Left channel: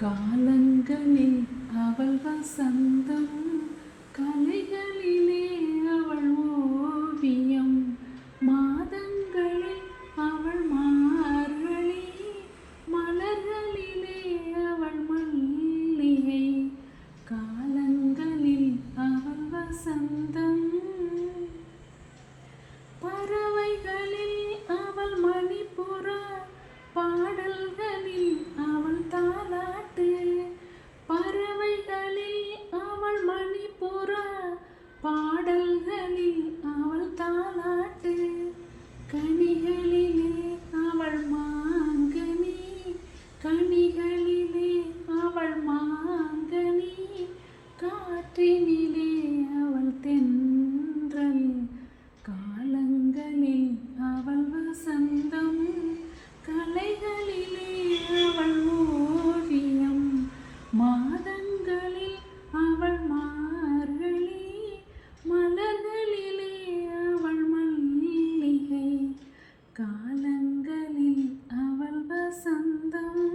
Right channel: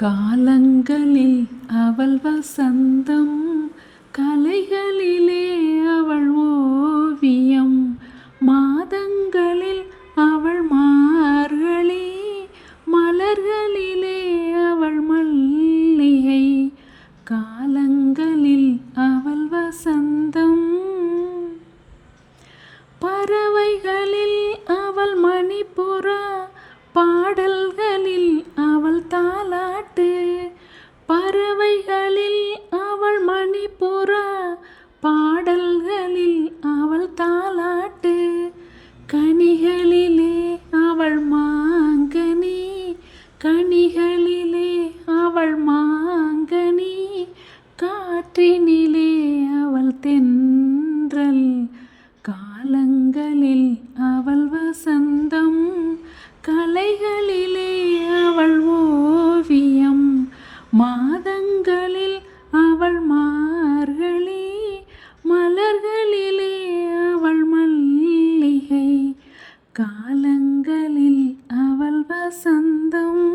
காலங்களில் அவள் வசந்தம், கலைகளிலே அவள் ஓவியம், மாதங்களில் அவள் மார்கழி, மலர்களிலே அவள் மல்லிகை. காலங்களில் அவள் வசந்தம், பறவைகளில் அவள் மணிப்புறா, பாடல்களில் அவள் தாலாட்டு. பறவைகளில் அவள் மணிப்புறா, பாடல்களில் அவள் தாலாட்டு. கனிகளிலே அவள் மாங்கனி, கனிகளிலே அவள் மாங்கனி, காற்றினிலே அவள் தென்றல். காலங்களில் அவள் வசந்தம், கலைகளிலே அவள் ஓவியம், மாதங்களில் அவள் மார்கழி, மலர்களிலே அவள் மல்லிகை. காலங்களில் அவள் வசந்தம்.